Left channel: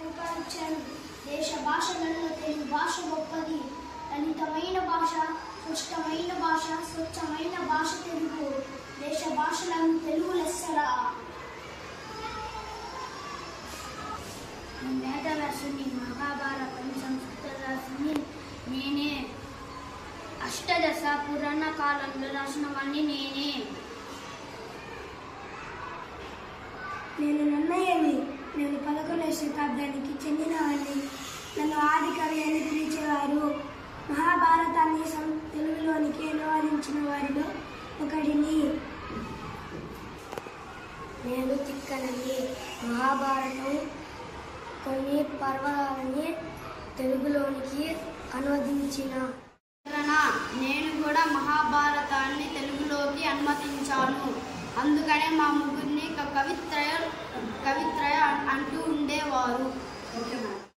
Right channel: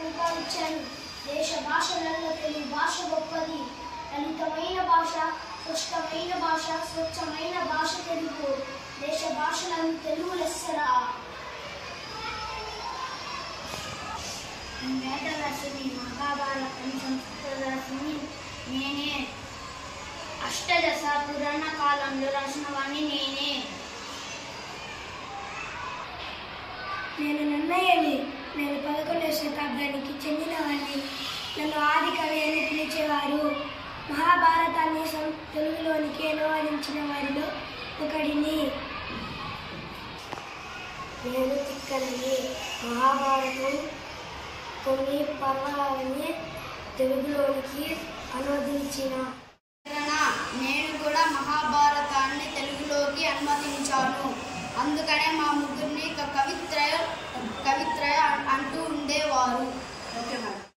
పరిపాలించాను. దేశ భాషలలో తెలుగు భాష గొప్పది. లలితమైన భాష, స్పష్టమైన భాష, స్వచ్ఛమైన భాష తెలుగు. దేశ భాషలను తెలుగు లెస్సరా. వేదవ్యాసుని, మహాభారతం సంస్కృత రాసిని నేనే. అష్టదశ పురాణ కాలంలో రాసిన వాణ్ణి నేనే. నేను నన్నయ్యని. నేను 11వ శతాబ్దానికి చెందినవాడిని. నన్ను ఆది కవి అని పిలిచేవారు. మహాభారతాన్ని తెలుగులోనికి అనువాదించిన వారిలో ఒకడిని. నేను తిక్కని. మహాభారతం కొన్ని పర్వాలని తెలుగులోనికి అనువదించిన. నేను కూడా మహాభారతాన్ని తెలుగులోకి అనుమతించాను. అందుకనే మా ముగ్గురిని కవిత్రయ అంటూ ఉండేవారు. Okay madam.